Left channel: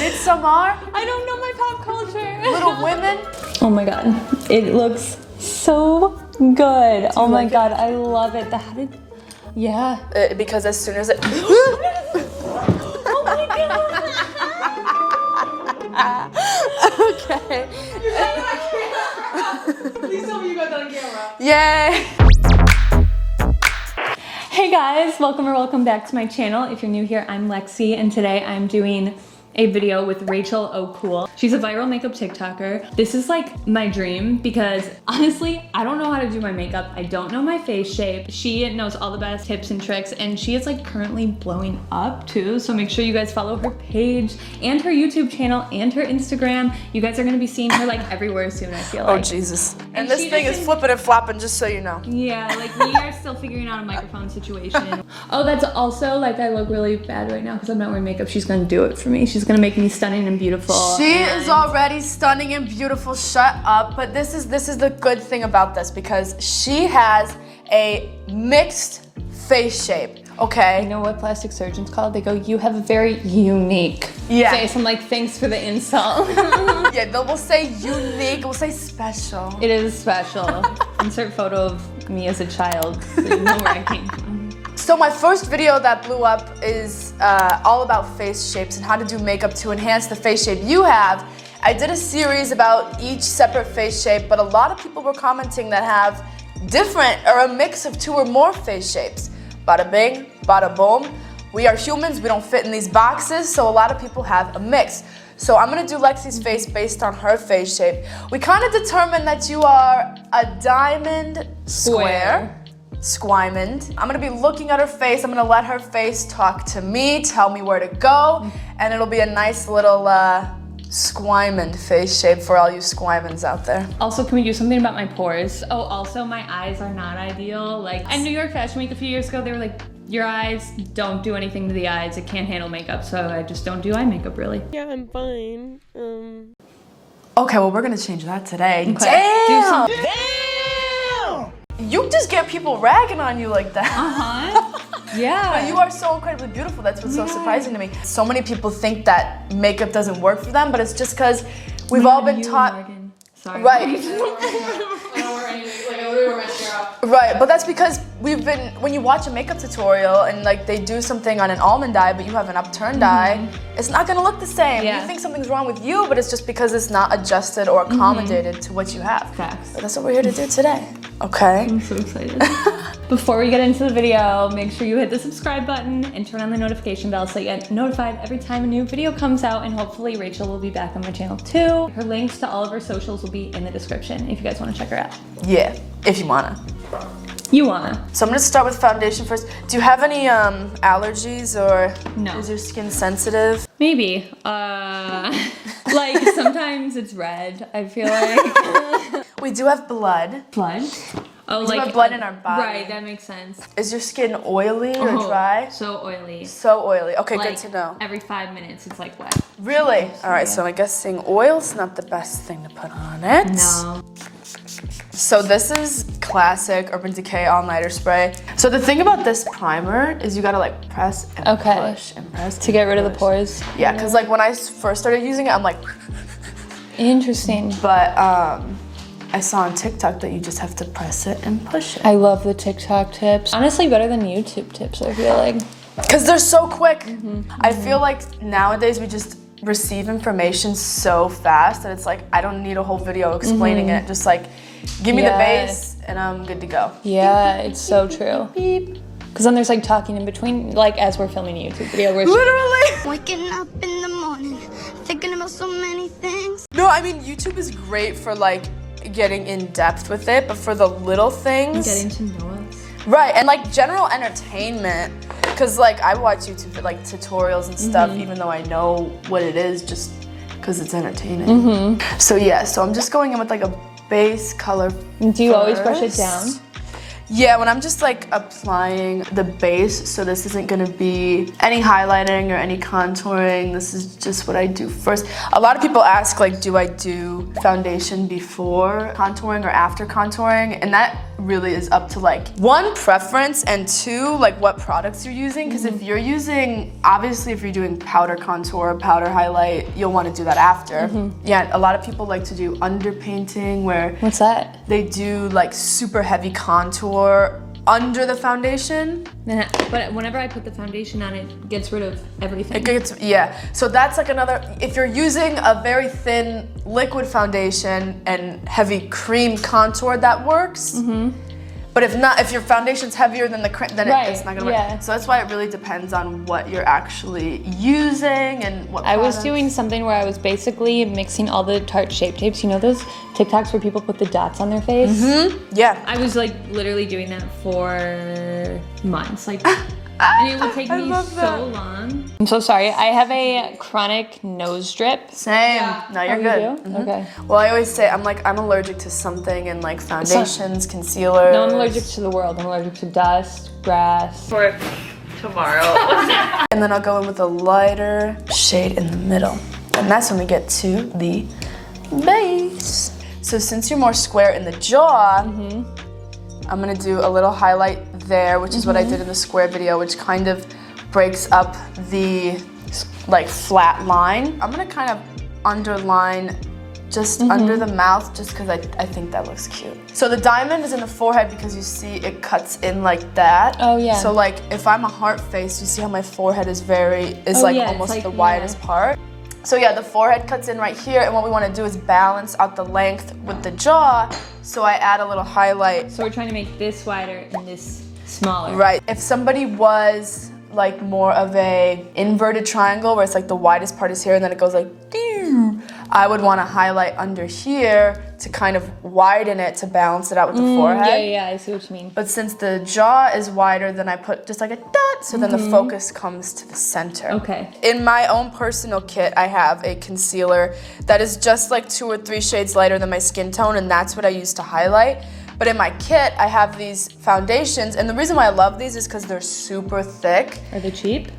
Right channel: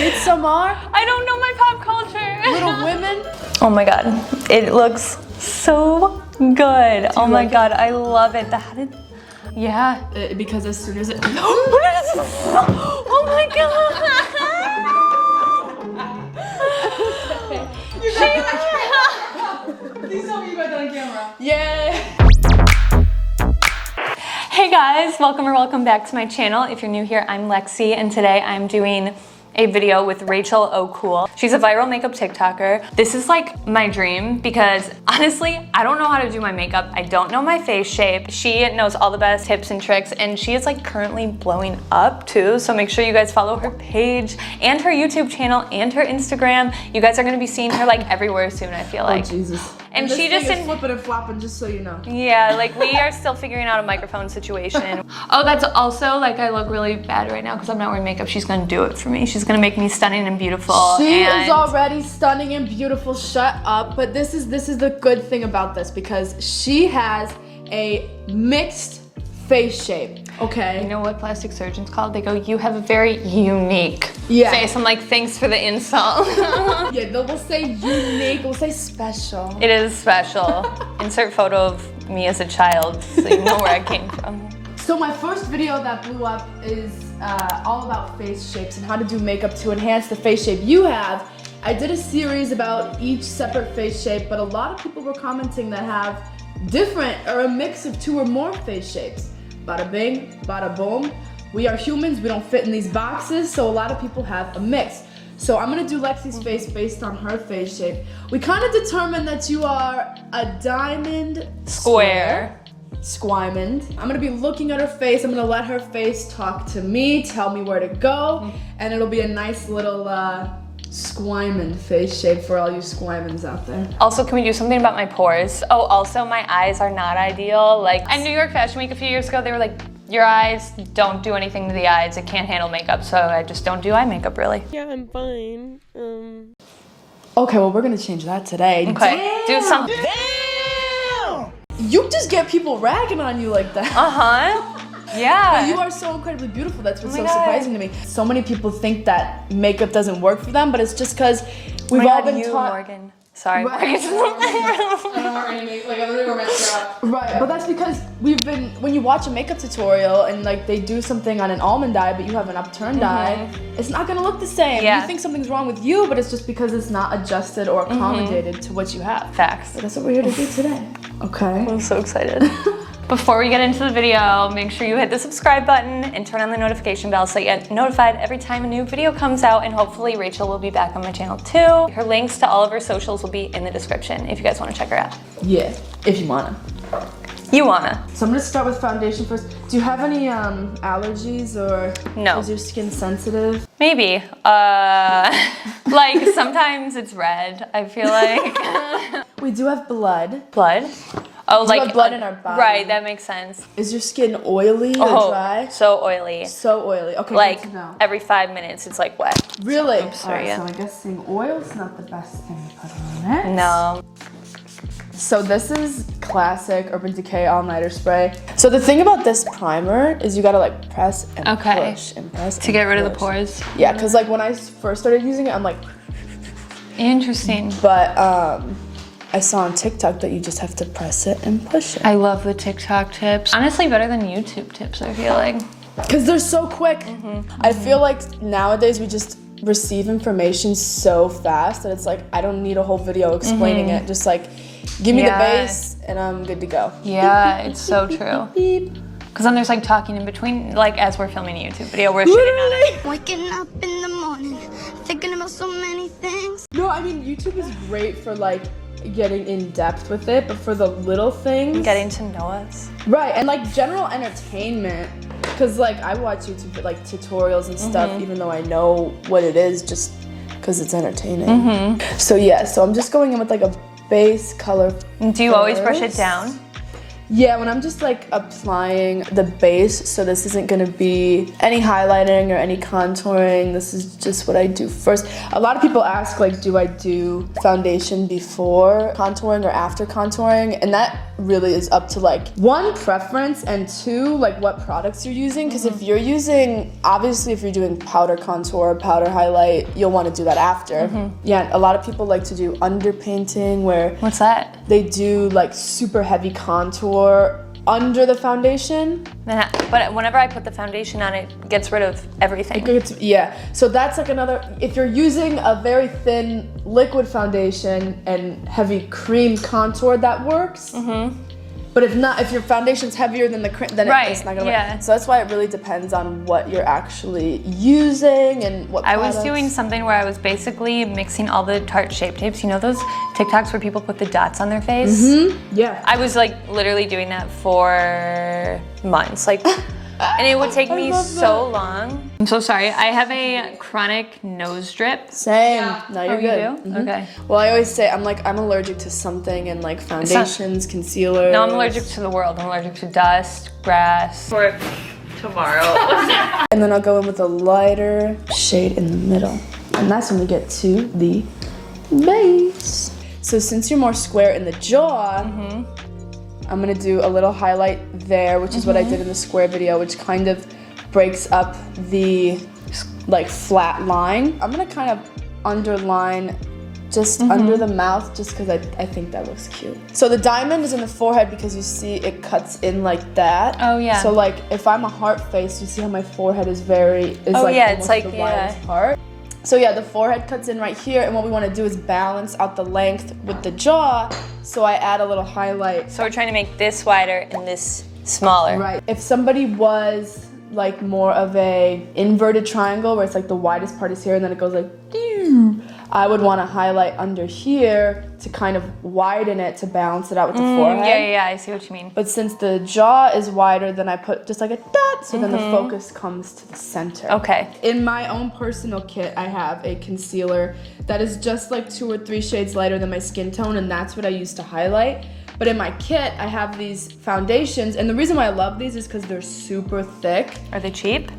Midsommar? I don't know my pop culture. Little Women? Oh my god, it looks so good. Oh my god, I love it. Yeah. Because as soon as it... Oh my god. Okay. Please tell me you got that on camera. Yay! Hey guys, welcome back to my channel. If you're new here, I'm Lexi, and today I'm doing a video with Rachel OCool. She's a viral makeup TikToker. This is like my dream because honestly, I don't know how to do my makeup. I don't know my face shape. She knows all the best tips and tricks, and she is like currently blowing up too. So make sure you guys follow her page and her YouTube channel and her Instagram. You guys are gonna be seeing her like everywhere soon, I feel like. Oh Jesus. And this she thing just is flipping and flopping, just so you know. Yeah, like we are still figuring out a microphone situation. Oh, that's also like I look really bad right now because I'm not wearing makeup. She's gonna do it for me. She's gonna make me stunning and beautiful. She is already stunning and beautiful. Shut up. But this is the good thing about this because she has a mixed face shape. Okay. You know what plastic surgeons call? They go, "You have a very unique face." I'm like, thanks for the insult. Yeah, we'll say unique. We'll say special. It is special. Insert photo of me as a child so you know where I came from. So my first video that blew up is all about face shapes and how to do makeup to enhance the face shape you have. I did a series about each separate face shape, but a lot of people were commenting that have different or a mix of 2 or more face shapes. Bada bing, bada boom. We are humans, we don't fit in these boxes, so a lot of people have a mix. So I'm gonna do Lexi's face based on her face shape. We kind of determined that you are a diamond square. Squimond. I'm gonna be looking at her face. I'm gonna let her face talk to me, tell me where to go, and it'll be a nice little squimond face shape for all you squimonds out there. Also, can we do something about my pores? Oh, also my eyes are not ideal. Like at New York Fashion Week a few years ago, they were like, your eyes don't do anything to the eyes. It can't handle makeup, so I just don't do eye makeup really. Yeah, I'm fine. Okay, well we're gonna change that today. Okay. Damn! Do something. Damn! You just get people ragging on you like that. Uh-huh. Yeah. But you are so incredibly beautiful. That's what's so surprising to me. So many people think that makeup doesn't work for them, but it's just because we've all been taught. Morgan. Sorry. Right. I don't wear anything. Like, I literally wear mascara. Right, but that's because when you watch a makeup tutorial and like they do something on an almond eye, but you have an upturned eye, it's not gonna look the same. Yeah. You think something's wrong with you, but it's just because it's not adjusted or accommodated to what you have. Facts. So that's what we're here to do today. Okay. I'm so excited. Before we get into the video, make sure you hit the subscribe button and turn on the notification bell so you get notified every time a new video comes out, and hopefully Rachel will be back on my channel too. Her links to all of her socials will be in the description if you guys want to check her out. Yeah, if you wanna. You wanna. So I'm gonna start with foundation first. Do you have any allergies or No. is your skin sensitive? Maybe. Like sometimes it's red, I feel like. We do have blood. Blood? Oh, We have blood in our body. Right, that makes sense. Is your skin oily or dry? So oily. So oily. Okay, Like good to know. every 5 minutes it's like wet. Really? All right, yeah. so I guess saying oil's not the best thing to put on it. No. So this is classic Urban Decay all-nighter spray. So the thing about this primer is you gotta like press and push and press To get rid of the pores. Yeah, because like when I first started using it, I'm like, Interesting. but I saw on TikTok that you just have to press it and push it. I love the TikTok tips. Honestly, better than YouTube tips, I feel like. Because they're so quick. I feel like nowadays we just receive information so fast that it's like, I don't need a whole video explaining it. Just like, give me the base and I'm good to go. Yeah, it's so true. Beep. Because then there's like talking in between, like as we're filming a YouTube video, we're Literally. Waking up in the morning, thinking about so many things. No, I mean, YouTube is great for like getting in depth with it, but for the little things. getting to know us. Right, and like general entertainment. Because like I watch YouTube like tutorials and stuff, even though I know what it is, just because it's entertaining. So yeah, so I'm just going in with like a base color. Do you always brush it down? Yeah, when I'm just like applying the base, so this isn't gonna be any highlighting or any contouring. This is just what I do first. A lot of people ask like, do I do foundation before contouring or after contouring? And that really is up to like, one, preference, and two, like what products you're using. Because if you're using, obviously if you're doing powder contour, powder highlight, you'll want to do that after. Yeah, a lot of people like to do underpainting where What's that? they do like super heavy contour under the foundation. But whenever I put the foundation on, it gets rid of everything. Yeah, so that's like another, if you're using a very thin liquid foundation and heavy cream contour, that works. But if not, if your foundation's heavier than the cream, then it's not gonna work. So that's why it really depends on what you're actually using and what I was doing something where I was basically mixing all the Tarte Shape Tapes. You know those TikToks where people put the dots on their face? Yeah. I was like literally doing that for months. Like, and it would take me so long. I'm so sorry. I have a chronic nose drip. Same. No, you're good. You do? Okay. Well, I always say I'm allergic to something, and like foundations, concealers. No, I'm allergic to the world. I'm allergic to dust, grass. For tomorrow. And then I'll go in with a lighter shade in the middle. And that's when we get to the base. So since you're more square in the jaw, I'm gonna do a little highlight there, which is what I did in the square video, which kind of breaks up the like flat line. I'm gonna kind of underline just under the mouth, just because I think that looks cute. So the diamond is in the forehead because you see it cuts in like that. Oh yeah. So like if I'm a heart face, you see how my forehead is almost the widest part. So yeah, the forehead cuts in right here, and what we want to do is balance out the length with the jaw. So I add a little highlight. So we're trying to make this wider and this smaller. Right. If somebody was like more of a inverted triangle where it's like the widest part is here and then it goes like, I would want to highlight under here to kind of widen it to balance it out with the forehead. Yeah, I see what you mean. But since the jaw is wider, then I put just like a dot, so then the focus comes to the center. Okay. In my own personal kit, I have a concealer that is just like 2 or 3 shades lighter than my skin tone, and that's what I use to highlight. But in my kit, I have these foundations, and the reason why I love these is because they're super thick. Are they cheap?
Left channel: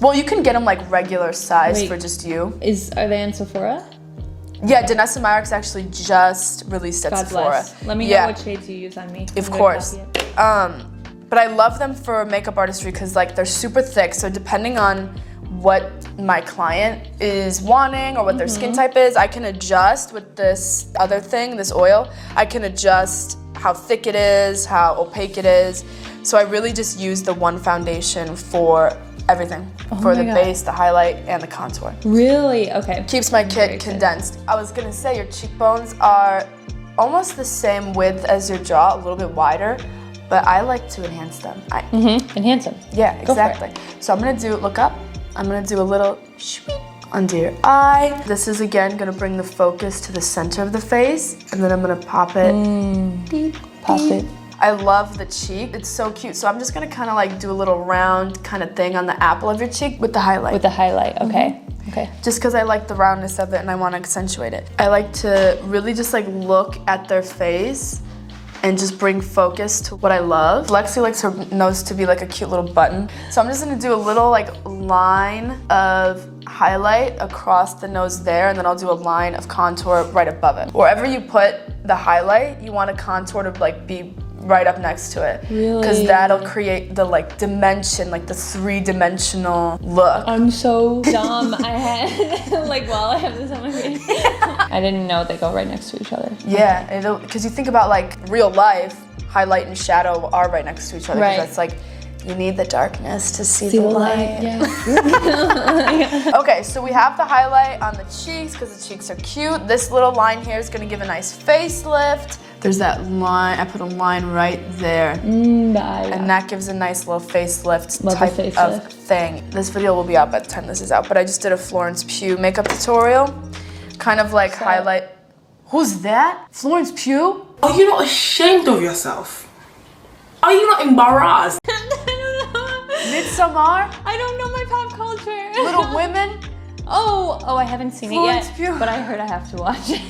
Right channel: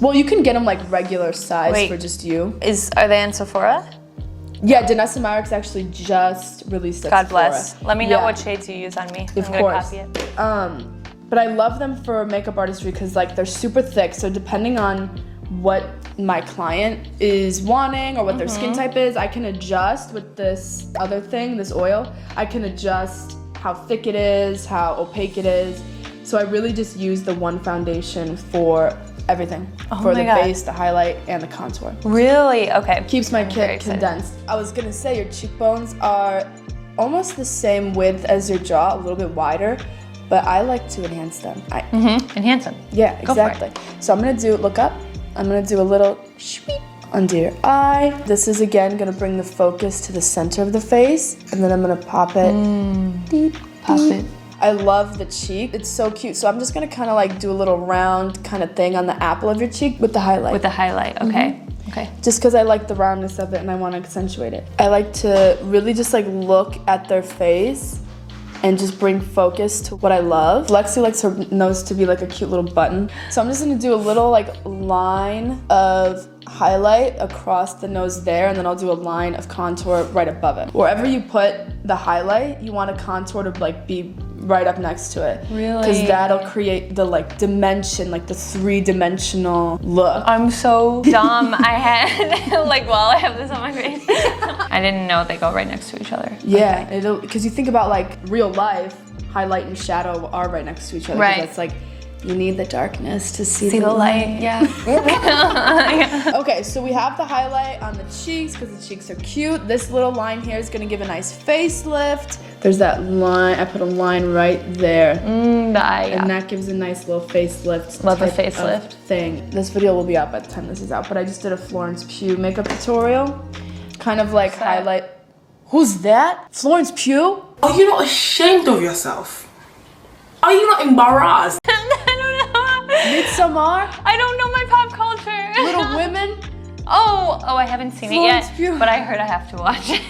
Well, you can get them like regular size for just you. Are they on Sephora? Yeah, Danessa Myricks actually just released at God Sephora. bless. Let me know what shades you use on me. Of course. But I love them for makeup artistry because like they're super thick. So depending on what my client is wanting or what their skin type is, I can adjust with this other thing, this oil. I can adjust how thick it is, how opaque it is. So I really just use the one foundation for everything. For the base, the highlight, and the contour. Really? Okay. Keeps my kit condensed. I was gonna say your cheekbones are almost the same width as your jaw, a little bit wider, but I like to enhance them. Enhance them. Yeah, exactly. So I'm gonna look up, I'm gonna do a little sweep under your eye. This is again gonna bring the focus to the center of the face, and then I'm gonna pop it. Pop it. I love the cheek. It's so cute. So I'm just gonna kind of like do a little round kind of thing on the apple of your cheek with the highlight. With the highlight, okay. Okay. Just because I like the roundness of it and I want to accentuate it. I like to really just like look at their face and just bring focus to what I love. Lexi likes her nose to be like a cute little button. So I'm just gonna do a little like line of highlight across the nose there, and then I'll do a line of contour right above it. Wherever you put the highlight, you want a contour to like be right up next to it. Really? Because that'll create the like dimension, like the 3-dimensional look. I'm so dumb. I had, like, while I have this on my face, I didn't know they go right next to each other. Yeah, because you think about like real life, highlight and shadow are right next to each other. Right. That's like, you need the darkness to see the light. Yeah. Okay, so we have the highlight on the cheeks because the cheeks are cute. This little line here is gonna give a nice facelift. There's that line, I put a line right there. The eye. And that gives a nice little facelift Love the type facelift. of thing. This video will be out by the time this is out, but I just did a Florence Pugh makeup tutorial. Kind of like highlight. Who's that? Florence Pugh? Are you not ashamed of yourself? Are you not embarrassed? Midsommar? I don't know my pop culture. Little Women? Oh, I haven't seen Florence it yet, Pugh. but I heard I have to watch it.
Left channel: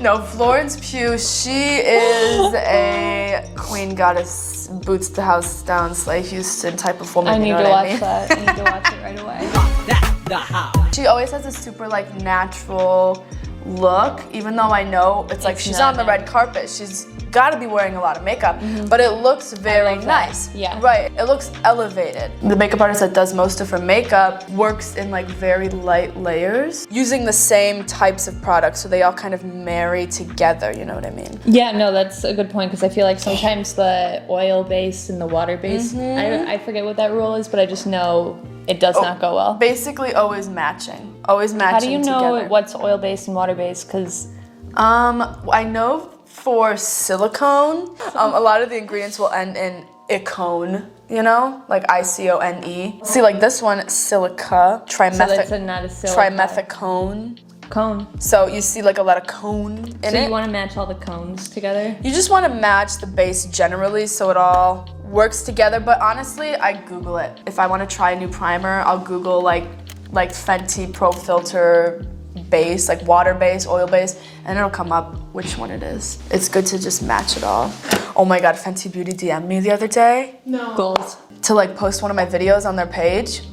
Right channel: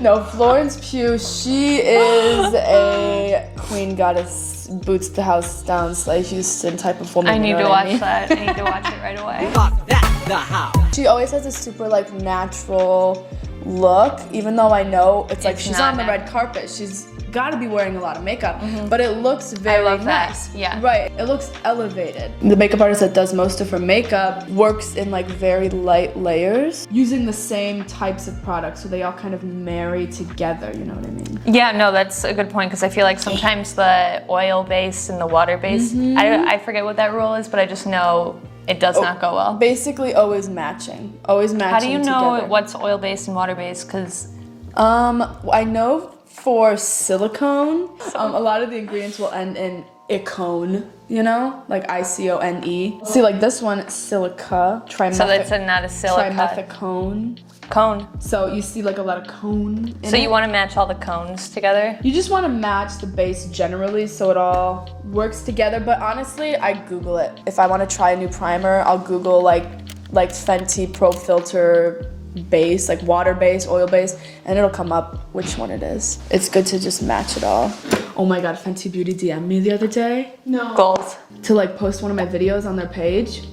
No, Florence Pugh, she is a queen goddess, boots the house down, Slay Houston type of woman. I need you know to what watch I mean? that. I need to watch it right away. She always has a super like natural look, even though I know it's like she's on the red carpet. She's got to be wearing a lot of makeup, but it looks very love that. nice. Yeah. Right. It looks elevated. The makeup artist that does most of her makeup works in like very light layers using the same types of products, so they all kind of marry together, you know what I mean? Yeah, no, that's a good point because I feel like sometimes the oil-based and the water-based, I forget what that rule is, but I just know it does not go well. Basically always matching. Always matching How do you know together. what's oil-based and water-based? Because I know for silicone, a lot of the ingredients will end in icone, you know, like ICONE. See, like this one, silica, so it's not a silica. trimethicone. Cone. So you see like a lot of cone in So it. you want to match all the cones together? You just want to match the base generally so it all works together. But honestly, I Google it. If I want to try a new primer, I'll Google like Fenty Pro Filter base, like water base, oil base, and it'll come up which one it is. It's good to just match it all. Oh my God, Fenty Beauty DM'd me the other day. No. Goals. To like post one of my videos on their page.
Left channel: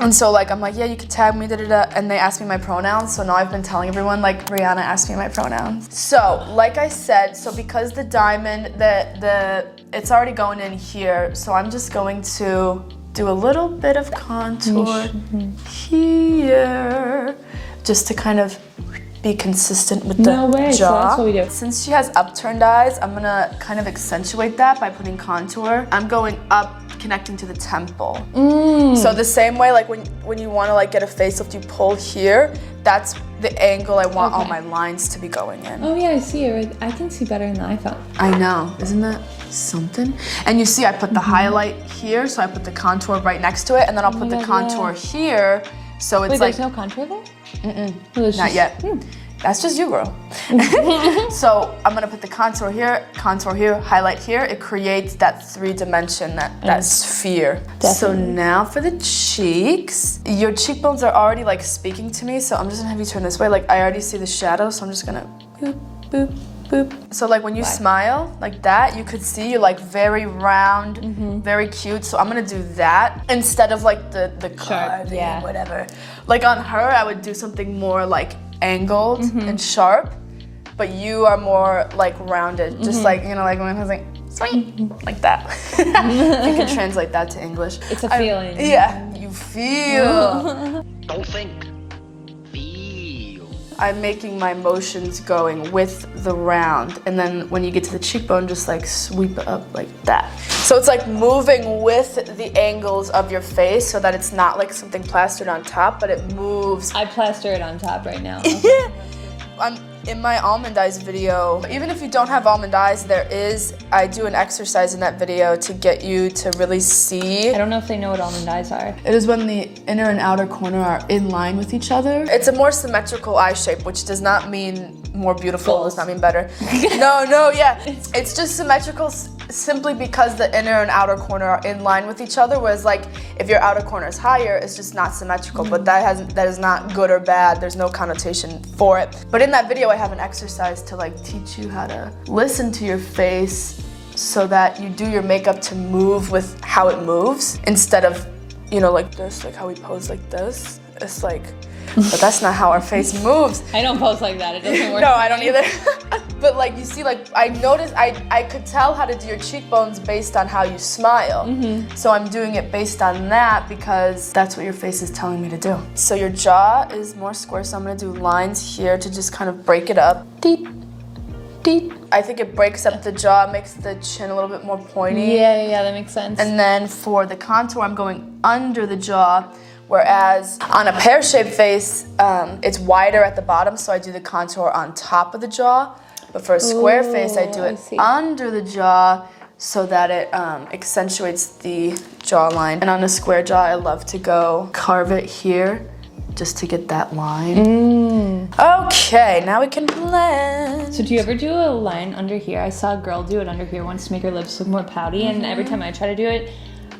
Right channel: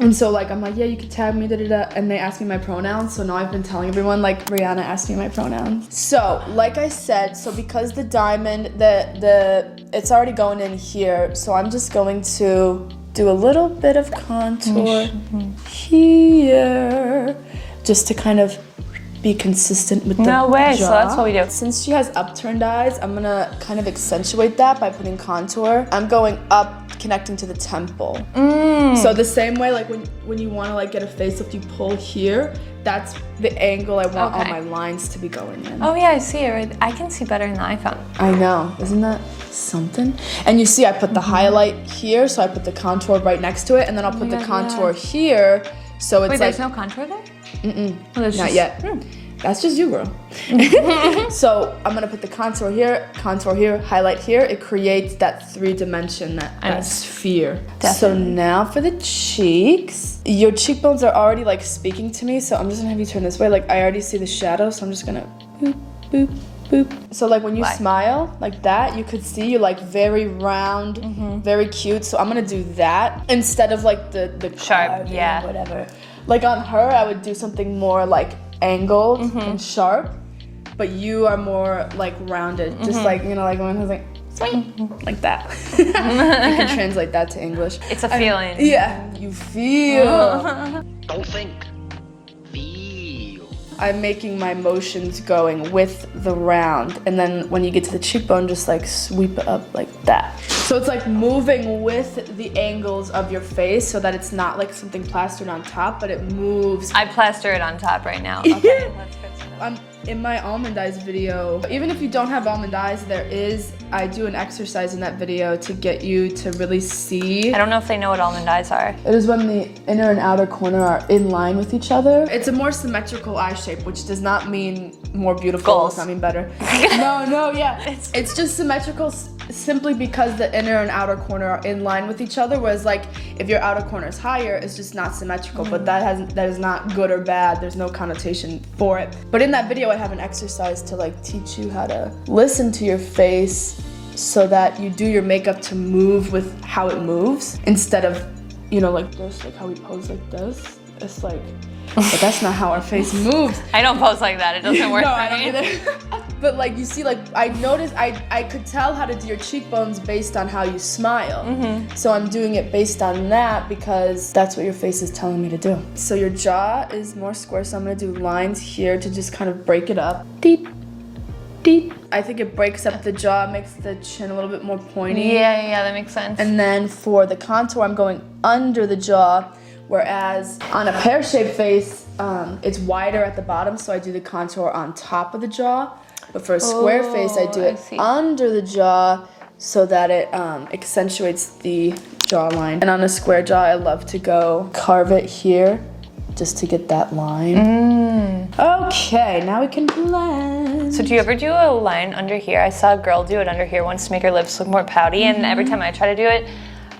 And so like, I'm like, yeah, you can tag me, and they asked me my pronouns. So now I've been telling everyone like, Rihanna asked me my pronouns. So like I said, so because the diamond, it's already going in here. So I'm just going to do a little bit of contour here, just to kind of be consistent with the No way, jaw. so that's what we do. Since she has upturned eyes, I'm gonna kind of accentuate that by putting contour. I'm going up, connecting to the temple. So the same way, like when you want to like get a facelift, you pull here. That's the angle I want all my lines to be going in. Oh yeah, I see it. I can see better in the iPhone. I know, isn't that something? And you see, I put the highlight here, so I put the contour right next to it, and then I'll put the contour here, so it's Wait, like there's no contour there? not yet. That's just you, bro. So I'm gonna put the contour here, highlight here. It creates that 3-dimension, that sphere. So now for the cheeks. Your cheekbones are already like speaking to me, so I'm just gonna have you turn this way. Like I already see the shadow, so I'm just gonna boop, boop, boop. So like when you smile like that, you could see you're like very round, very cute. So I'm gonna do that instead of like the Sharp, yeah. whatever. Like on her, I would do something more like angled and sharp, but you are more like rounded, just like, you know, like when it's like sweet, like that. You can translate that to English. It's a feeling. Yeah, you feel. Don't think. Feel. I'm making my motions going with the round, and then when you get to the cheekbone, just like sweep it up like that. So it's like moving with the angles of your face so that it's not like something plastered on top, but it moves. I plaster it on top right now. Okay. In my almond eyes video, even if you don't have almond eyes, I do an exercise in that video to get you to really see. I don't know if they know what almond eyes are. It is when the inner and outer corner are in line with each other. It's a more symmetrical eye shape, which does not mean more beautiful, Goals. does not mean better. No, yeah. It's just symmetrical simply because the inner and outer corner are in line with each other, whereas like if your outer corner is higher, it's just not symmetrical, but that is not good or bad. There's no connotation for it. But in that video, I have an exercise to like teach you how to listen to your face so that you do your makeup to move with how it moves instead of, you know, like this, like how we pose like this. It's like, but that's not how our face moves. I don't pose like that. It doesn't work. No, for I don't me. either. But like you see, like I noticed, I could tell how to do your cheekbones based on how you smile. So I'm doing it based on that because that's what your face is telling me to do. So your jaw is more square, so I'm gonna do lines here to just kind of break it up. Deep, deep. I think it breaks up the jaw, makes the chin a little bit more pointy. Yeah, that makes sense. And then for the contour, I'm going under the jaw. Whereas on a pear-shaped face, it's wider at the bottom, so I do the contour on top of the jaw. But for a square face, I do it under the jaw so that it accentuates the jawline. And on a square jaw, I love to go carve it here just to get that line. Okay, now we can blend. So do you ever do a line under here? I saw a girl do it under here once to make her lips look more pouty, and every time I try to do it,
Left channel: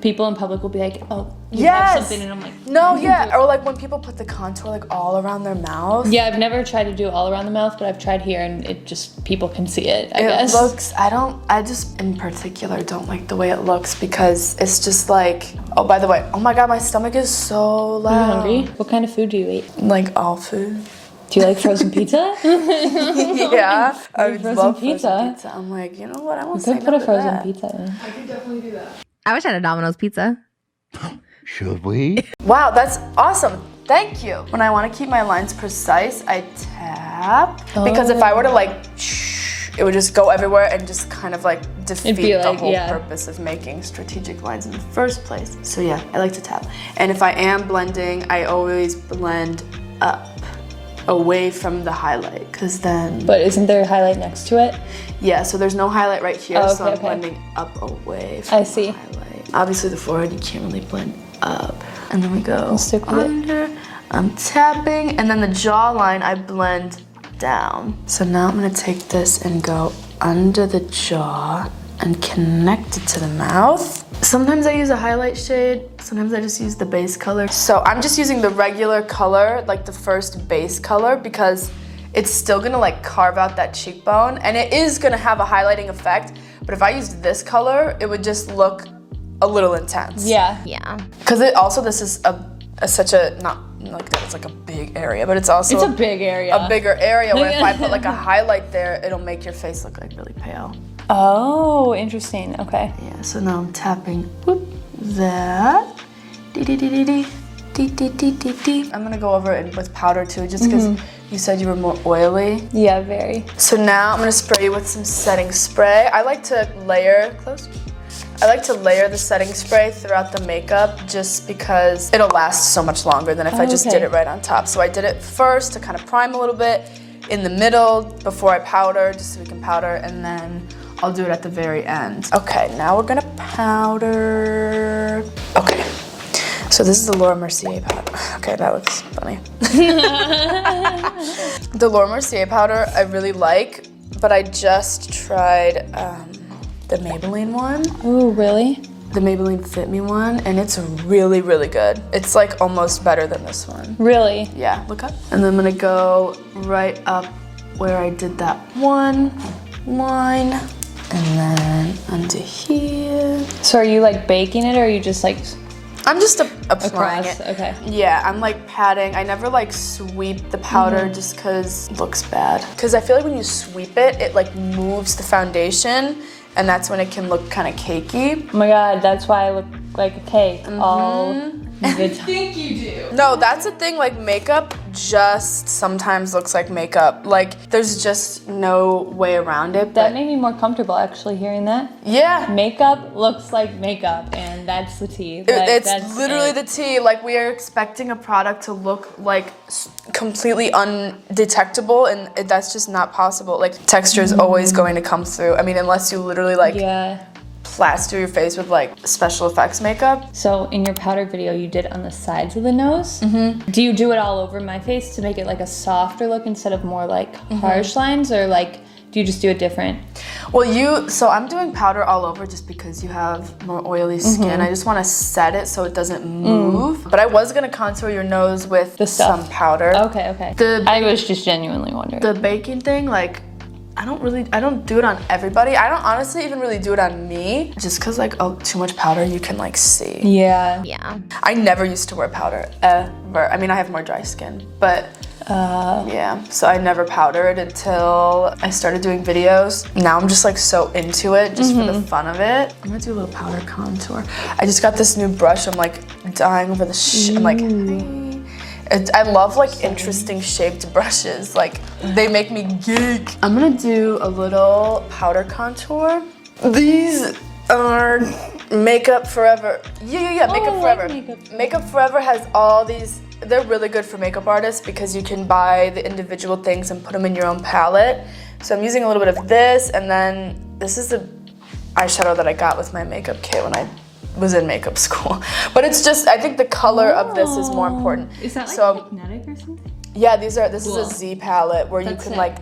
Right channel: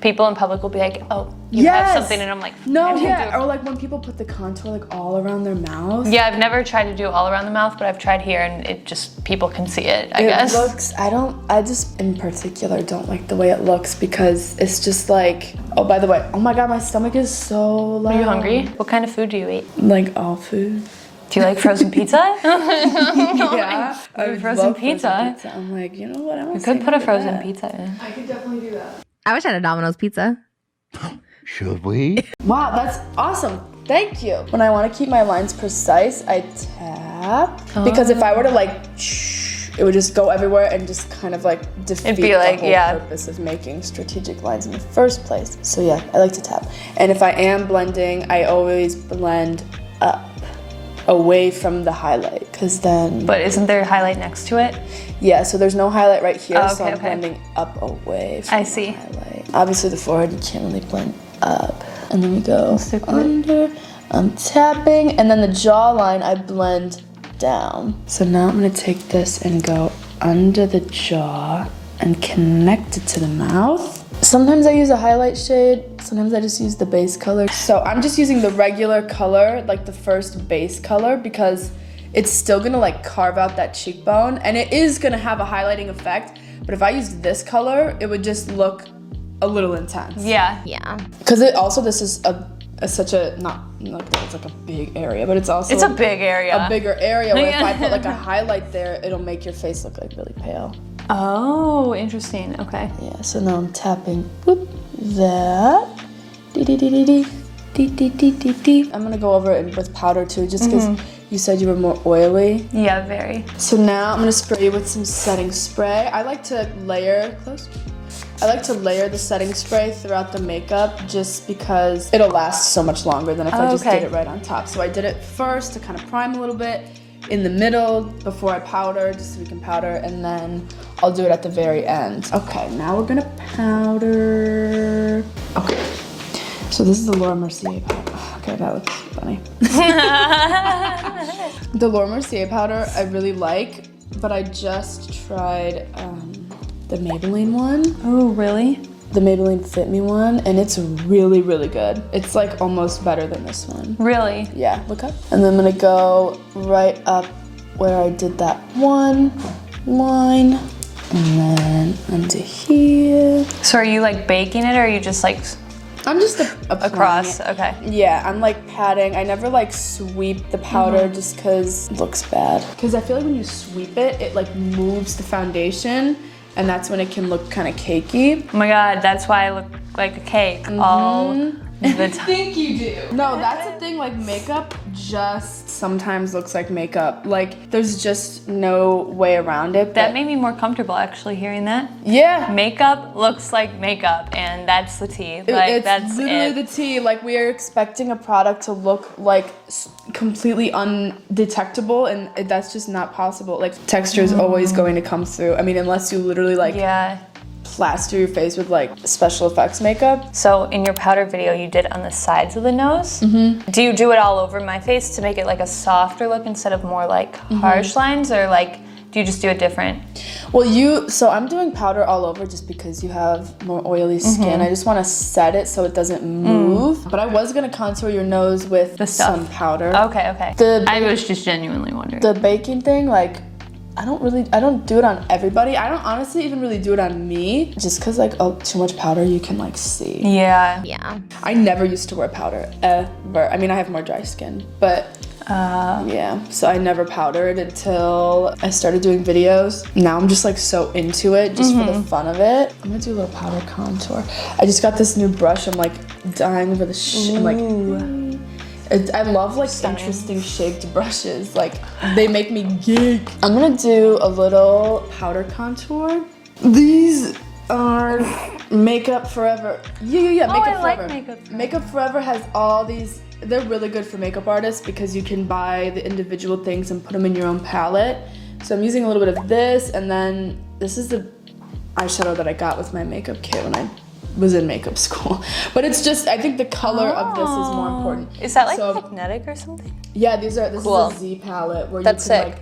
people in public will be like, oh, you have something, and I'm like, no, yeah. Or like when people put the contour like all around their mouth. Yeah, I've never tried to do all around the mouth, but I've tried here, and it just, people can see it, I guess. It looks, I just in particular don't like the way it looks because it's just like, oh, by the way, oh my God, my stomach is so loud. Are you hungry? What kind of food do you eat? Like all food. Do you like frozen pizza? Yeah. I would frozen love pizza. I'm like, you know what? I want We could put a frozen pizza in. I could definitely do that. I wish I had a Domino's pizza. Should we? Wow, that's awesome. Thank you. When I want to keep my lines precise, I tap. Because if I were to like, it would just go everywhere and just kind of like defeat the whole purpose of making strategic lines in the first place. So yeah, I like to tap. And if I am blending, I always blend up, away from the highlight, because then... But isn't there a highlight next to it? Yeah, so there's no highlight right here, Oh, so okay, I'm blending up away from I see. the highlight. Obviously the forehead, you can't really blend up. And then we go stick with under, I'm tapping, and then the jawline I blend down. So now I'm gonna take this and go under the jaw and connect it to the mouth. Sometimes I use a highlight shade, sometimes I just use the base color. So I'm just using the regular color, like the first base color, because it's still gonna like carve out that cheekbone, and it is gonna have a highlighting effect, but if I used this color, it would just look a little intense. Yeah. Yeah. Because it also, this is such a, not like that, it's like a big area, but it's also It's a big area. a bigger area where if I put like a highlight there, it'll make your face look like really pale. Oh, interesting. Okay. Yeah, so now I'm tapping whoop, that. I'm gonna go over it with powder too, just because you said you were more oily. Yeah, very. So now I'm gonna spray you with some setting spray. I like to layer, I like to layer the setting spray throughout the makeup just because it'll last so much longer than if I just did it right on top. So I did it first to kind of prime a little bit, in the middle before I powder, just so we can powder, and then I'll do it at the very end. Okay, now we're gonna powder. Okay, so this is the Laura Mercier powder. Okay, that looks funny. The Laura Mercier powder I really like, but I just tried the Maybelline one. Oh, really? The Maybelline Fit Me one, and it's really, really good. It's like almost better than this one. Really? Yeah, look up. And then I'm gonna go right up where I did that one line, and then under here. So are you like baking it, or are you just like I'm just applying across? it. Okay. Yeah, I'm like patting. I never like sweep the powder just cause it looks bad. Cause I feel like when you sweep it, it like moves the foundation, and that's when it can look kind of cakey. Oh my God, that's why I look like a cake all the time. I think you do. No, that's the thing, like makeup just sometimes looks like makeup. Like there's just no way around it. That made me more comfortable actually hearing that. Yeah. Makeup looks like makeup, and that's the tea. Like, It's that's literally it. the tea. Like we are expecting a product to look like completely undetectable, and that's just not possible. Like texture is always going to come through. I mean, unless you literally like plaster your face with like special effects makeup. So in your powder video, you did on the sides of the nose. Do you do it all over my face to make it like a softer look instead of more like harsh lines, or like do you just do it different? Well, so I'm doing powder all over just because you have more oily skin. I just want to set it so it doesn't move. But I was gonna contour your nose with some powder. Okay, okay. I was just genuinely wondering. The baking thing, like, I don't do it on everybody. I don't honestly even really do it on me. Just cause like, too much powder you can like see. Yeah. Yeah. I never used to wear powder, ever. I mean, I have more dry skin, but yeah. So I never powdered until I started doing videos. Now I'm just like so into it, just for the fun of it. I'm gonna do a little powder contour. I just got this new brush. I'm like dying over the I'm like, I love like interesting shaped brushes. Like they make me geek. I'm gonna do a little powder contour. These are Makeup Forever. Yeah, Makeup Forever. Makeup Forever has all these. They're really good for makeup artists because you can buy the individual things and put them in your own palette. So I'm using a little bit of this, and then this is the eyeshadow that I got with my makeup kit when I was in makeup school. But it's just, I think the color of this is more important. Is that like magnetic or something? Yeah, this is a Z palette where you can like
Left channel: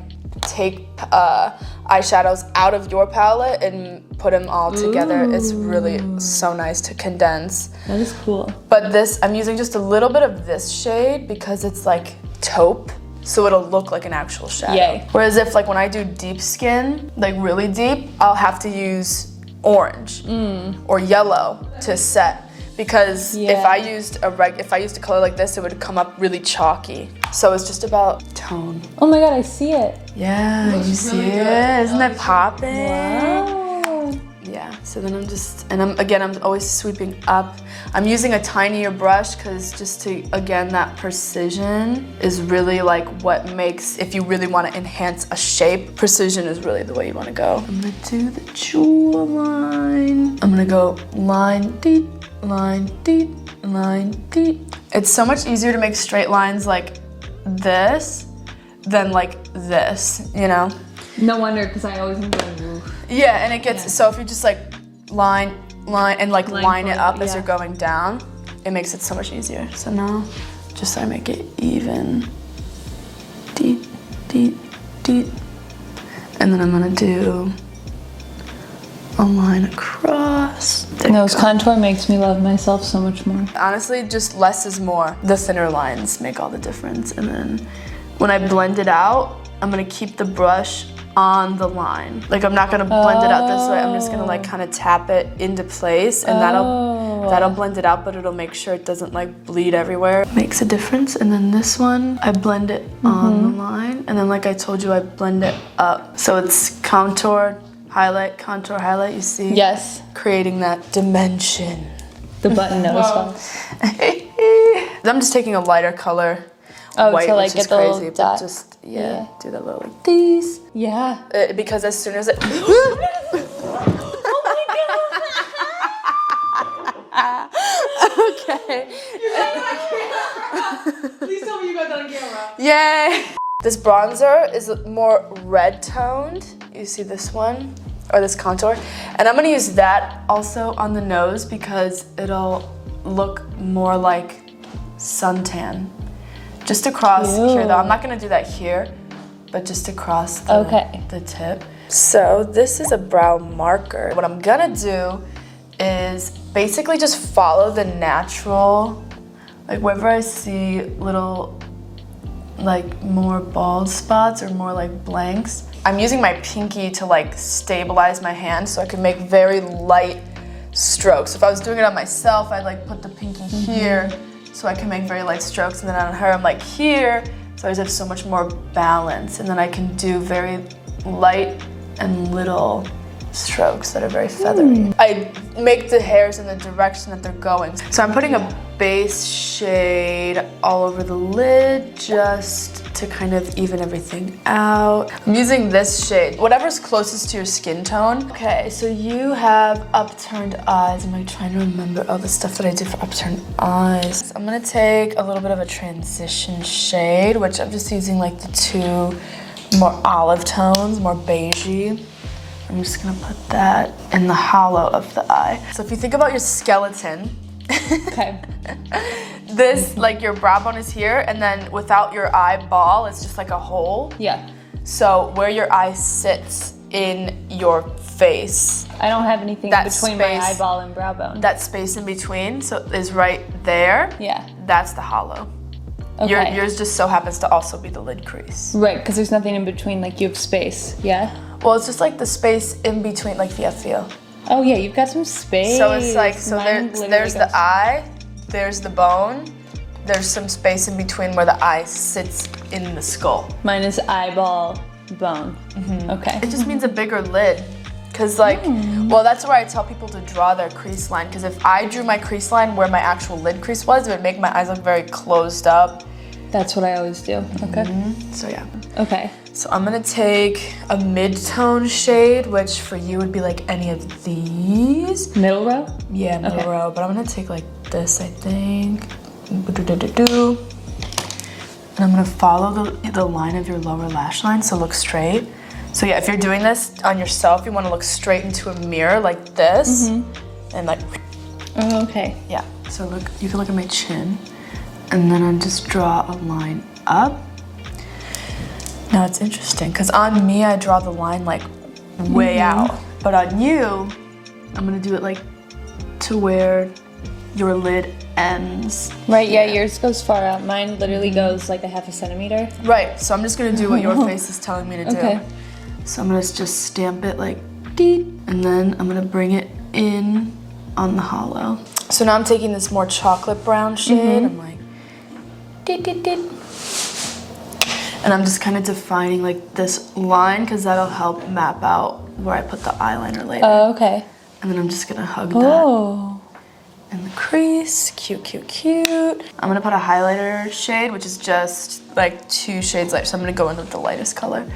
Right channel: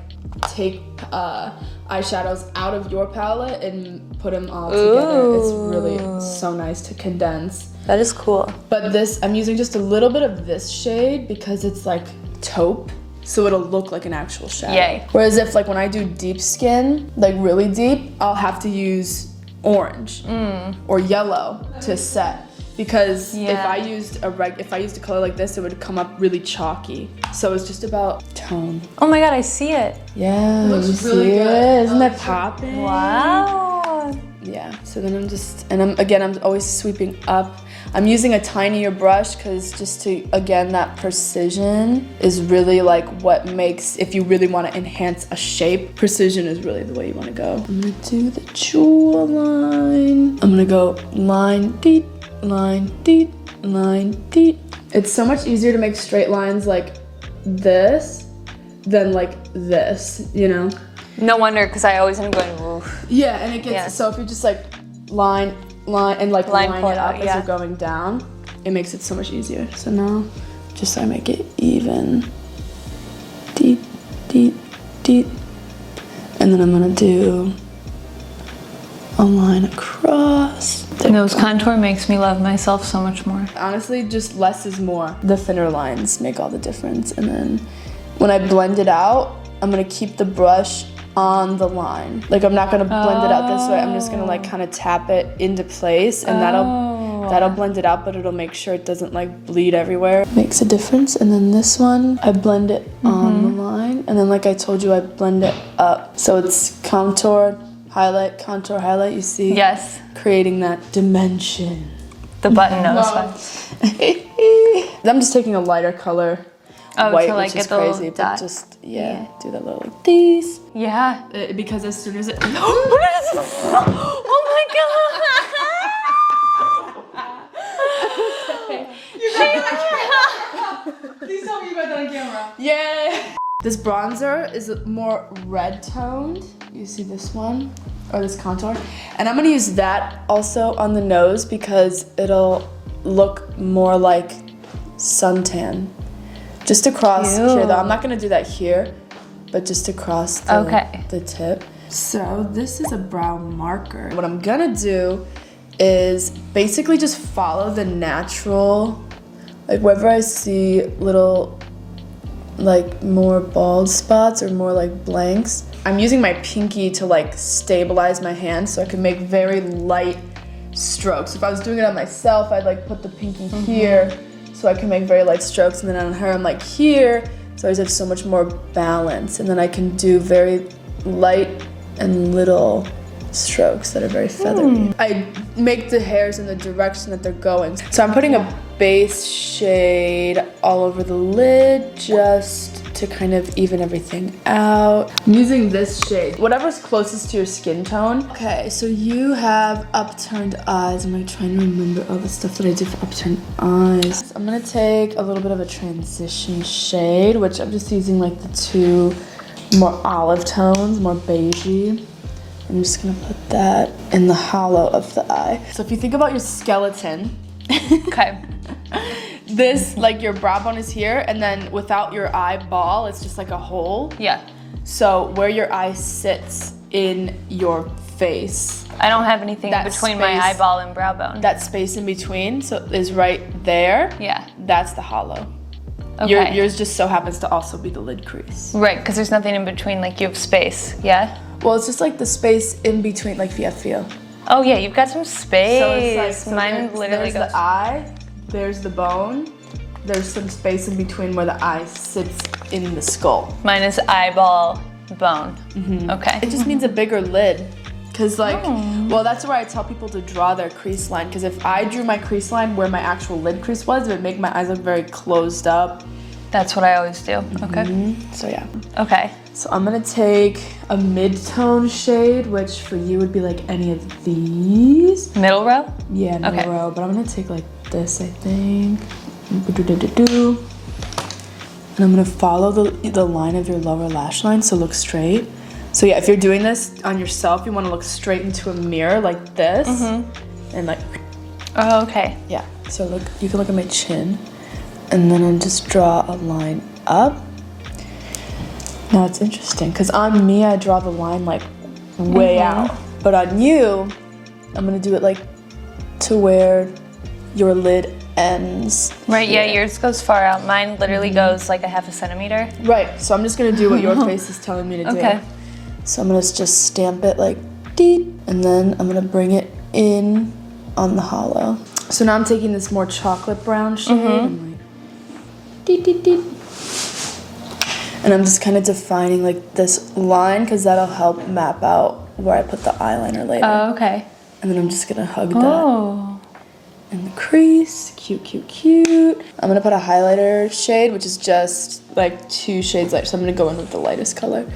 take eyeshadows out of your palette and put them all together. It's really so nice to condense. That is cool. But this, I'm using just a little bit of this shade because it's like taupe, so it'll look like an actual shadow. Yay. Whereas if like when I do deep skin, like really deep, I'll have to use orange or yellow to set. Because if I used a color like this, it would come up really chalky. So it's just about tone. Oh my god, I see it. Yeah, you see it? Isn't it popping? Wow. Yeah, so then I'm always sweeping up. I'm using a tinier brush because just to, again, that precision is really like what makes, if you really want to enhance a shape, precision is really the way you want to go. I'm gonna do the jawline. I'm gonna go line deep, line deep, line deep. It's so much easier to make straight lines like this than like this, you know? No wonder, because I always end up going, oof. Yeah, and it gets, so if you just like line, and like line it up as you're going down, it makes it so much easier. So now, just so I make it even, deep, deep, deep. And then I'm gonna do a line across. Nose contour makes me love myself so much more. Honestly, just less is more. The thinner lines make all the difference. And then when I blend it out, I'm gonna keep the brush on the line. Like I'm not gonna blend it out this way. I'm just gonna like kind of tap it into place, and that'll blend it out, but it'll make sure it doesn't like bleed everywhere. Makes a difference. And then this one, I blend it on the line, and then like I told you, I blend it up. So it's contour, highlight, contour, highlight. You see? Yes. Creating that dimension. The button nose. I'm just taking a lighter color. Oh, white, to like which get is the little crazy, dot. but just do that little like these. Yeah. Because as soon as it Oh my okay. Please tell me you got that on camera. Yay! This bronzer is more red toned. You see this one? Or this contour. And I'm gonna use that also on the nose because it'll look more like suntan. Just across here though. I'm not gonna do that here, but just across the tip. So this is a brow marker. What I'm gonna do is basically just follow the natural, like wherever I see little like more bald spots or more like blanks, I'm using my pinky to like stabilize my hand so I can make very light strokes. If I was doing it on myself, I'd like put the pinky here so I can make very light strokes, and then on her I'm like here, so I just have so much more balance, and then I can do very light and little strokes that are very feathery. I make the hairs in the direction that they're going. So I'm putting a base shade all over the lid just to kind of even everything out. I'm using this shade, whatever's closest to your skin tone. Okay, so you have upturned eyes. Am I trying to remember all the stuff that I did for upturned eyes? So I'm gonna take a little bit of a transition shade, which I'm just using like the two more olive tones, more beigey. I'm just gonna put that in the hollow of the eye. So if you think about your skeleton, Okay. this, like your brow bone is here, and then without your eyeball, it's just like a hole. Yeah. So where your eye sits in your face, I don't have anything That between my space- eyeball and brow bone. that space in between, so is right there. Yeah. That's the hollow. Okay. Yours just so happens to also be the lid crease. Right, because there's nothing in between, like you have space, yeah? Well, it's just like the space in between, like feel. Oh yeah, you've got some space. So it's like, Mine literally there's goes. the eye, there's the bone, there's some space in between where the eye sits in the skull. Mine is eyeball, bone. Okay. It just means a bigger lid. Cause like, well, that's why I tell people to draw their crease line. Cause if I drew my crease line where my actual lid crease was, it would make my eyes look very closed up. That's what I always do. Okay. So yeah. Okay. So I'm gonna take a mid-tone shade, which for you would be like any of these. Middle row? Yeah, middle Okay. row, but I'm gonna take like this, I think. And I'm gonna follow the line of your lower lash line, so look straight. So yeah, if you're doing this on yourself, you wanna look straight into a mirror like this. And like, Oh, okay. yeah. So look, you can look at my chin. And then I'll just draw a line up. Now it's interesting, because on me, I draw the line like way out. But on you, I'm gonna do it like to where your lid ends. Right, yeah, yours goes far out. Mine literally goes like a half a centimeter. Right, so I'm just gonna do what your face is telling me to do. Okay. So I'm gonna just stamp it like deet, and then I'm gonna bring it in on the hollow. So now I'm taking this more chocolate brown shade. I'm like, deet, deet, deet. And I'm just kind of defining like this line because that'll help map out where I put the eyeliner later. Oh, okay. And then I'm just gonna hug that Oh. in the crease. Cute, cute, cute. I'm gonna put a highlighter shade, which is just like 2 shades light. So I'm gonna go in with the lightest color.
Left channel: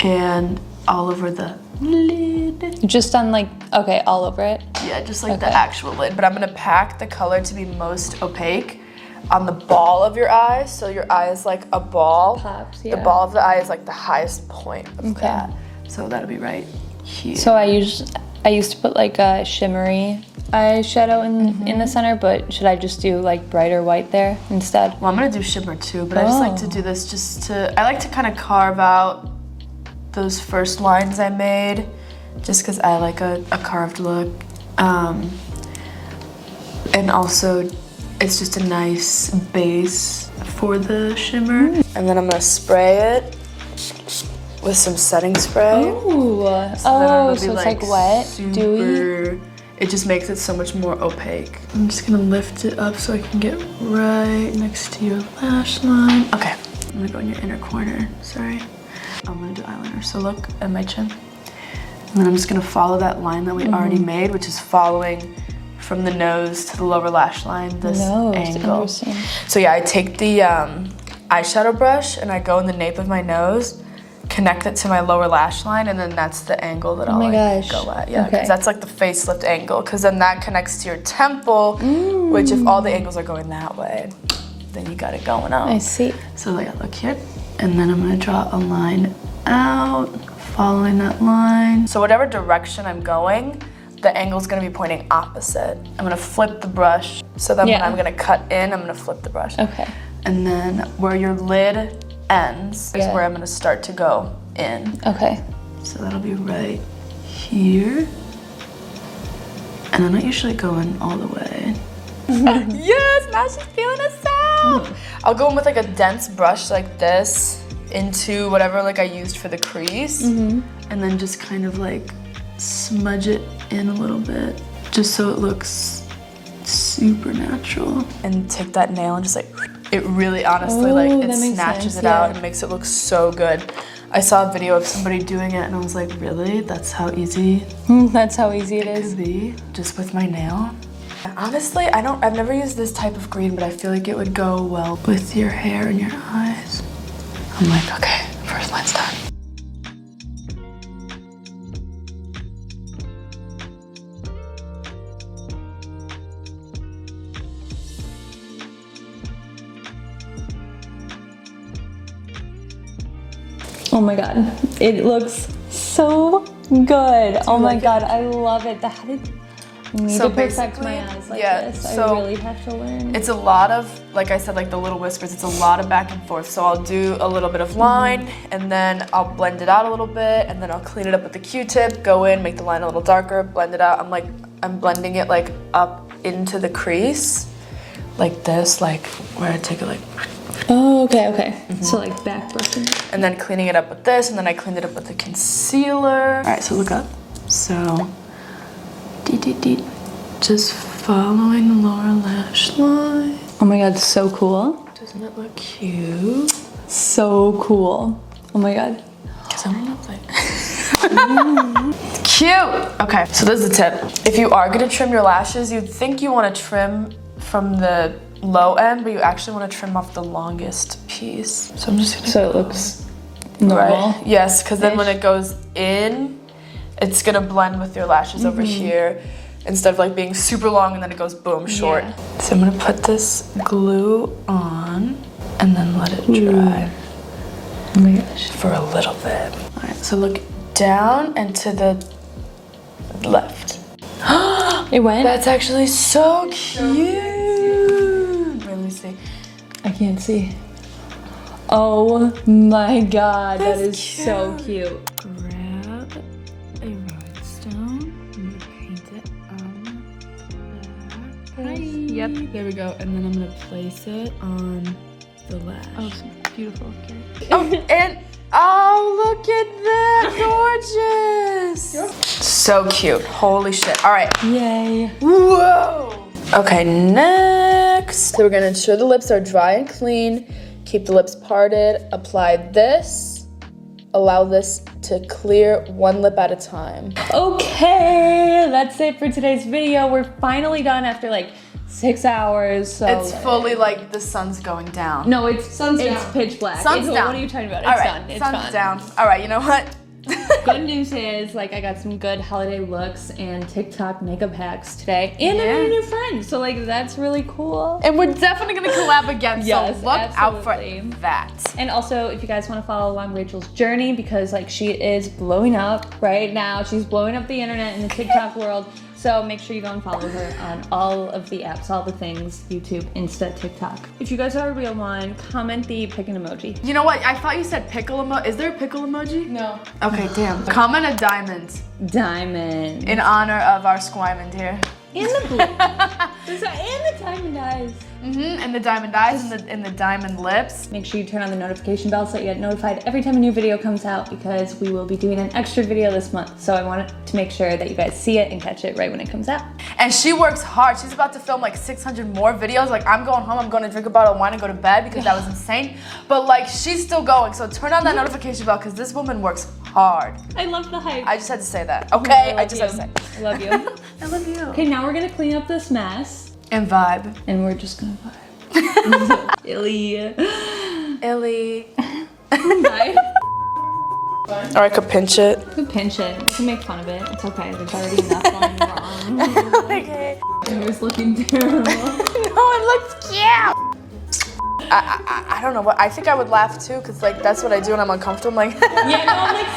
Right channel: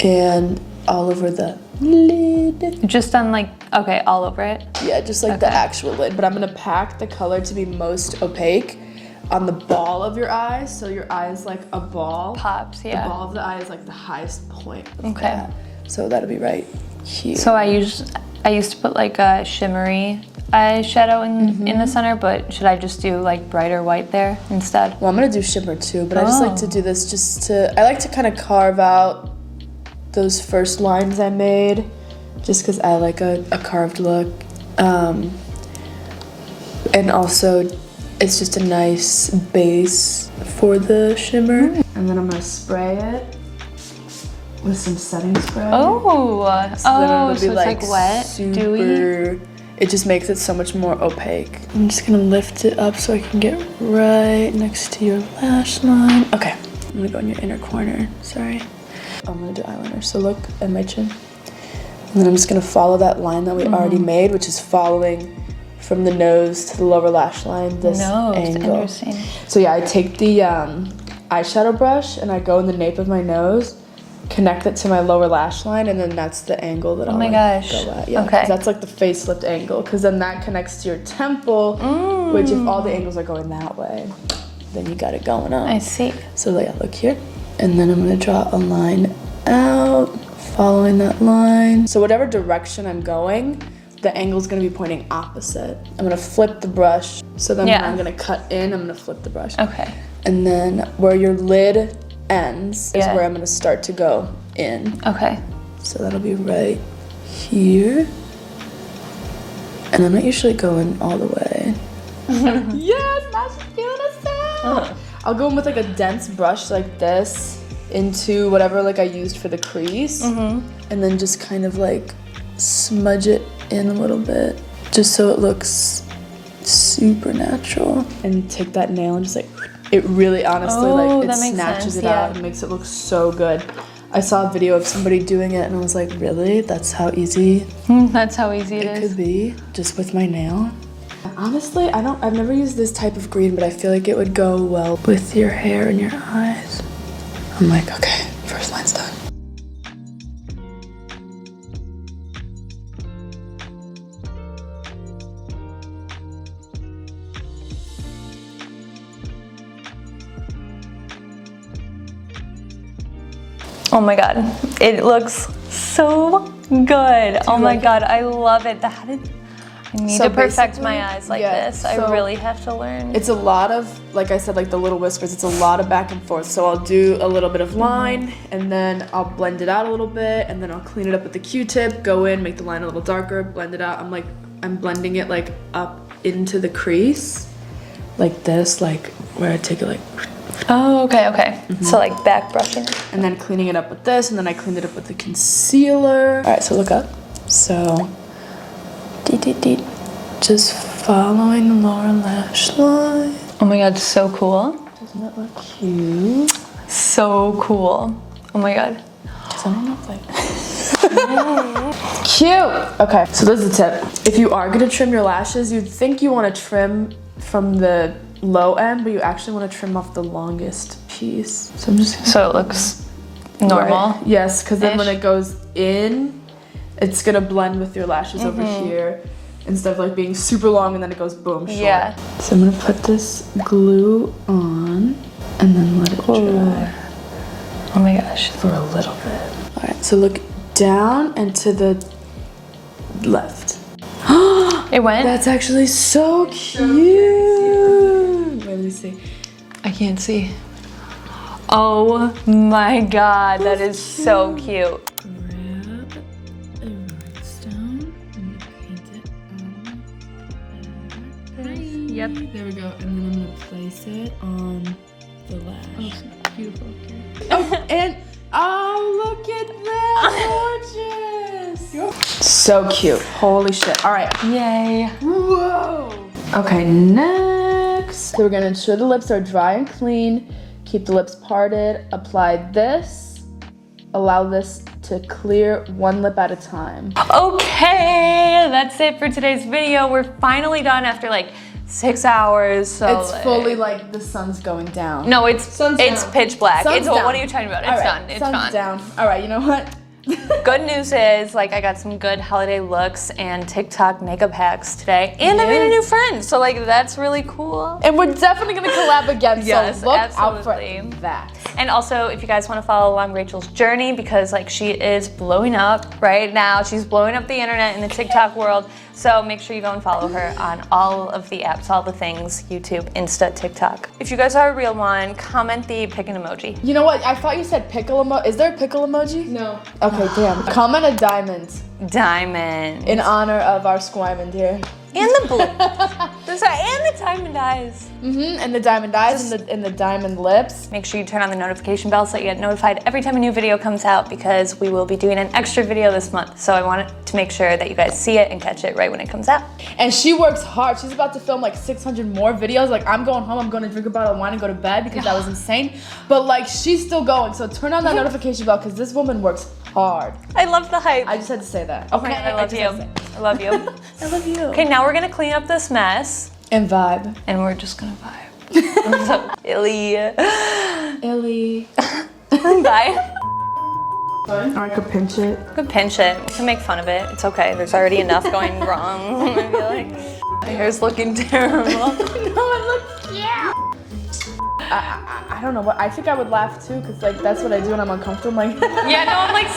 And all over the lid. Just on like, okay, all over it? Yeah, just like the actual lid. But I'm gonna pack the color to be most opaque on the ball of your eye. So your eye is like a ball. Pops, yeah. The ball of the eye is like the highest point of Okay. that. So that'll be right here. So I used to put like a shimmery eyeshadow in the center, but should I just do like brighter white there instead? Well, I'm gonna do shimmer too, but I just like to do this just to, I like to kind of carve out those first lines I made, just because I like a carved look. And also, it's just a nice base for the shimmer. And then I'm gonna spray it with some setting spray. Oh, So so it's like wet, dewy. It just makes it so much more opaque. I'm just gonna lift it up so I can get right next to your lash line. Okay, I'm gonna go in your inner corner, sorry. I'm gonna do eyeliner, so look at my chin. And then I'm just gonna follow that line that we already made, which is following from the nose to the lower lash line, this angle. Interesting. So yeah, I take the eyeshadow brush and I go in the nape of my nose, connect it to my lower lash line, and then that's the angle that I'll my like, gosh. go at. Yeah, Okay. 'cause that's like the facelift angle, because then that connects to your temple, which if all the angles are going that way, then you got it going out. I see. So yeah, look here. And then I'm gonna draw a line out, following that line. So whatever direction I'm going, the angle's gonna be pointing opposite. I'm gonna flip the brush, so then when I'm gonna cut in, I'm gonna flip the brush. Okay. And then where your lid ends is Yeah. where I'm gonna start to go in. Okay. So that'll be right here. And I'm not usually going all the way. Yes, now she's feeling herself. I'll go in with like a dense brush like this into whatever like I used for the crease. And then just kind of like smudge it in a little bit, just so it looks super natural. And take that nail and just like, it really honestly like, it that makes snatches sense, it out and makes it look so good. I saw a video of somebody doing it and I was like, really? That's how easy That's how easy it it is. could be, just with my nail? Honestly, I've never used this type of green, but I feel like it would go well with your hair and your eyes. I'm like, okay, first line's done. Oh my god, it looks so good. Oh my god, I love it. I need So to perfect basically, my eyes like yeah, this. so I really have to learn. It's a lot of, like I said, like the little whispers, it's a lot of back and forth. So I'll do a little bit of line, and then I'll blend it out a little bit, and then I'll clean it up with the Q-tip, go in, make the line a little darker, blend it out. I'm blending it like up into the crease, like this, like where I take it like, Oh, okay. So like back brushing. and then cleaning it up with this, and then I cleaned it up with the concealer. All right, so look up. So, just following the lower lash line. Oh my god, so cool. Doesn't that look cute? So cool. Oh my god. Because I don't know, like... Cute! Okay, so this is the tip. If you are gonna trim your lashes, you'd think you wanna trim from the low end, but you actually wanna trim off the longest piece. So I'm just gonna... So it looks normal. Right. Yes, because then when it goes in, it's gonna blend with your lashes over here, instead of like being super long and then it goes boom, short. Yeah. So I'm gonna put this glue on and then let it dry Oh my gosh. for a little bit. All right, so look down and to the left. It went? That's actually so cute. Wait, let me see. I can't see. Oh my god, that is so cute. Grab a rhinestone. Yep. There we go. And then I'm gonna place it on the lash. Oh, beautiful. Okay. And oh, look at that, gorgeous! So cute. Holy shit. All right. Yay. Whoa. Okay, next. So we're gonna ensure the lips are dry and clean. Keep the lips parted. Apply this. Allow this to clear one lip at a time. Okay, that's it for today's video. We're finally done after like 6 hours. So It's fully like the sun's going down. No, it's Sun's down. pitch black. Sun's What down. are you talking about? It's All right, done. It's sun's gone. down. All right, you know what? Good news is, like, I got some good holiday looks and TikTok makeup hacks today, and I made a new friend. So, like, that's really cool. And we're definitely gonna collab again. Yes, so look out for absolutely. that. And also, if you guys want to follow along Rachel's journey, because like she is blowing up right now, she's blowing up the internet in the TikTok world. So make sure you go and follow her on all of the apps, all the things, YouTube, Insta, TikTok. If you guys are a real one, comment the pick an emoji. You know what? I thought you said pickle emoji. Is there a pickle emoji? No. Okay, damn. Comment a diamond Diamond. in honor of our Squimand here. And the blue. Sorry, and the diamond eyes. And the diamond eyes and the diamond lips. Make sure you turn on the notification bell so you get notified every time a new video comes out, because we will be doing an extra video this month. So I wanted to make sure that you guys see it and catch it right when it comes out. And she works hard. She's about to film like 600 more videos. Like, I'm going home, I'm going to drink a bottle of wine and go to bed because that was insane. But like, she's still going. So turn on that notification bell because this woman works hard. I love the hype. I just had to say that. Okay, I love you. I love you. I love you. Okay, now we're gonna clean up this mess. And vibe. And we're just gonna vibe. Illy. Ellie. Bye. Or I could pinch it. We can pinch it. We can make fun of it. It's okay. There's already enough going wrong. Your hair's looking terrible. No, it looks cute. I don't know what. I think I would laugh too because like that's what I do when I'm uncomfortable. I'm like, Yeah, no, I'm like.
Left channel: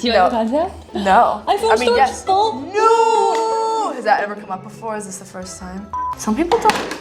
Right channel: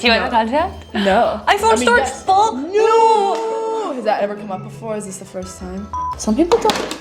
Do you want the contact? no. iPhone storage yes. full? No. Has that ever come up before? Is this the first time? Some people don't.